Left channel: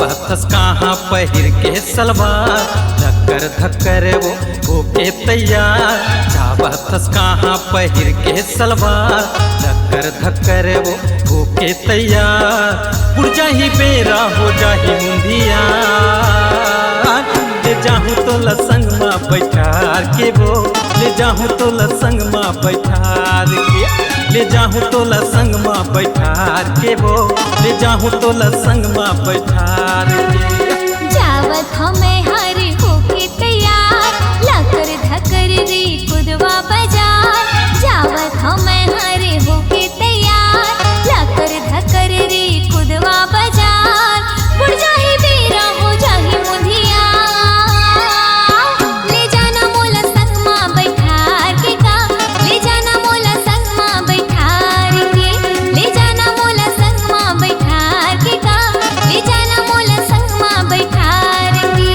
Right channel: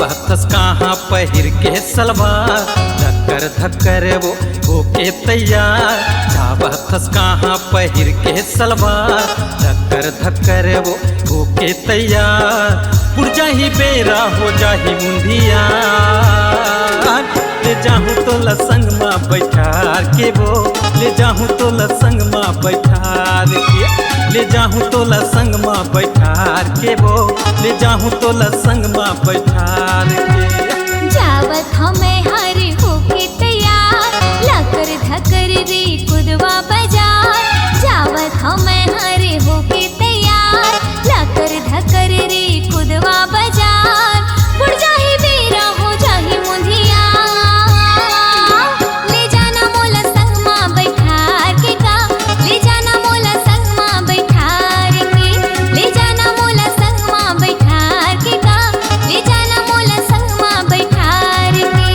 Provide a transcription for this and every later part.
जावतस कहाँ पहिर के सलवार, धक्कर धक्कर वो होके तैयार। जावतस कहाँ पहिर के सलवार, धक्कर धक्कर वो होके तैयार। उड़ जाही बेरा हो जाही मुंदिया, ले जाहूँ तो लसंग माँ बैठार के वो, ले जाहूँ तो लसंग माँ बैठार के, ले जाहूँ तो लसंग माँ बैठार के वो, ले जाहूँ तो लसंग माँ बैठार के। जावत हमें हर होके तैयार, लकर धकर रे कुदवा बाजार। जावत हमें हर होके तैयार, लकर धकर रे कुदवा बाजार। बुढ़ जाही बेरा हो जाही मुंधिया, ले जाना मोला संग माँ बैठार के का, ले जाना मोला संग माँ बैठार के, ले जाना मोला संग माँ बैठार के का, ले जाना मोला संग माँ बैठार के।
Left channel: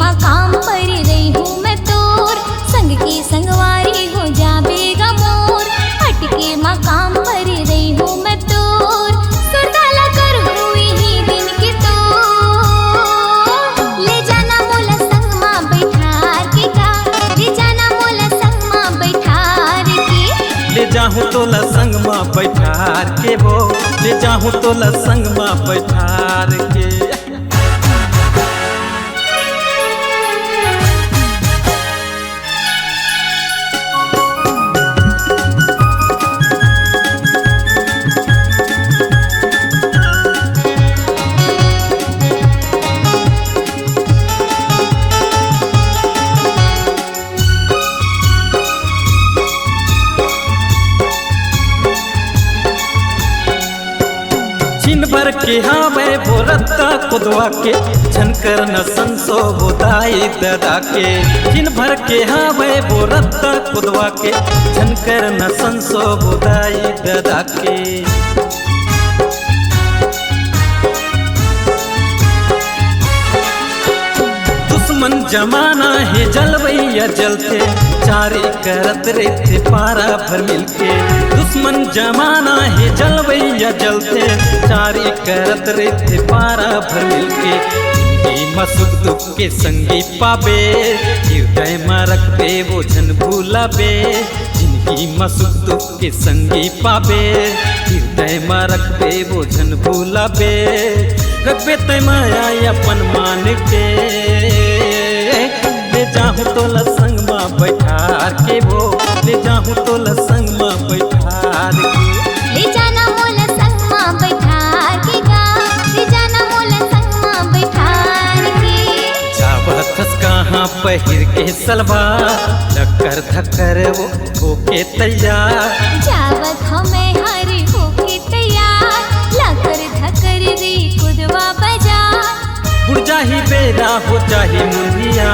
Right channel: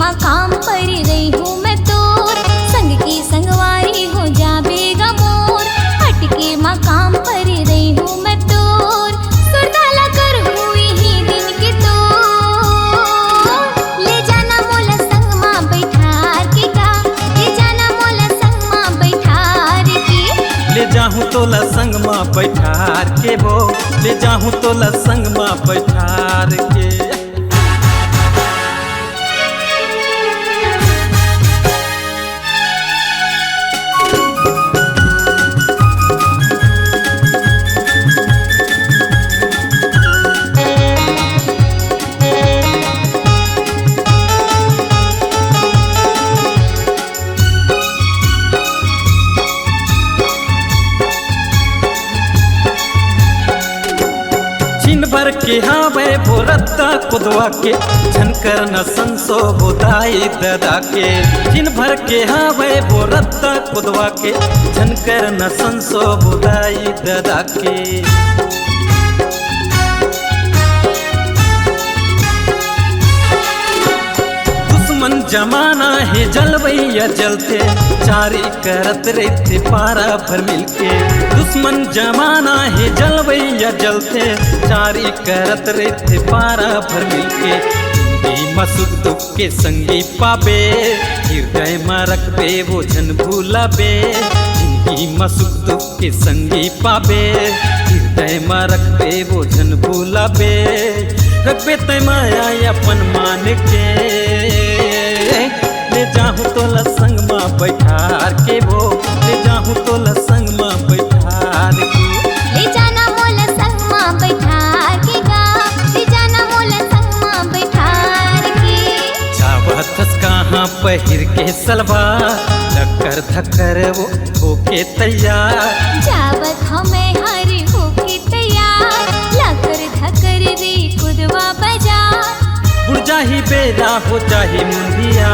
मकाम पर रही हूँ मैं तोर, संग की संगवारी हो जा बेगा मोर। हटके मकाम पर रही हूँ मैं तोर, सुरताला कर हुई ही दिन के तोर। ले जाना मोला संग माँ बैठार के का, ले जाना मोला संग माँ बैठार के, ले जाहूँ तो लसंग माँ बैठार के वो, ले जाहूँ तो लसंग माँ बैठार के। दिन भर के हावे भोरत्ता कुदवा के, झनकर न संसो बोदाई ददा के। दिन भर के हावे भोरत्ता कुदवा के, झनकर न संसो बोदाई ददा के। दुश्मन जमाना है जलवैया जलते, चारी करत रहते पारा भर मिलके। दुश्मन जमाना है जलवैया जलते, चारी करत रहते पारा भर मिलके। जिंदगी में सुख दुख के संगी पाबे, हृदय में रखबे वो झन भूलाबे। जिंदगी में सुख दुख के संगी पाबे, हृदय में रखबे वो झन भूलाबे। रखबे तय माया अपन मान के, ले जाहूँ तो लसंग माँ बैठार के वो, ले जाहूँ तो लसंग माँ बैठार के। ले जाना मोला संग माँ बैठार के का, ले जाना मोला संग माँ बैठार के। जावतस कहाँ पहिर के सलवार, धक्कर धक्कर वो होके तैयार। जावत हमें हर होके तैयार, लकर धकर रे कुदवा बाजार। बुढ़ जाही बेरा हो जाही मुंदिया,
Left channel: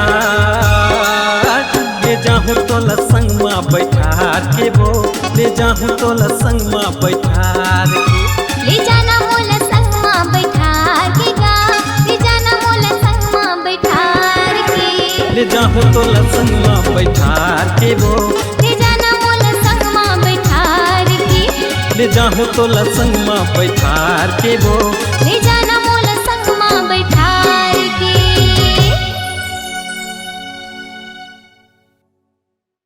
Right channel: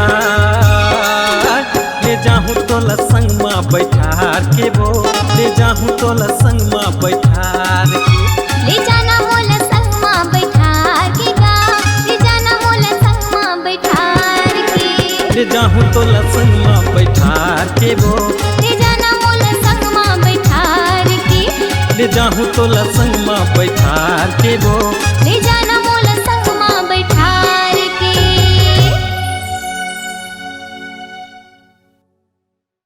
ले जाहूँ तो लसंग माँ बैठार के वो, ले जाहूँ तो लसंग माँ बैठार के। ले जाना मोला संग माँ बैठार के का, ले जाना मोला संग माँ बैठार के। ले जाहूँ तो लसंग माँ बैठार के वो, ले जाना मोला संग माँ बैठार के। ले जाहूँ तो लसंग माँ बैठार के वो, ले जाना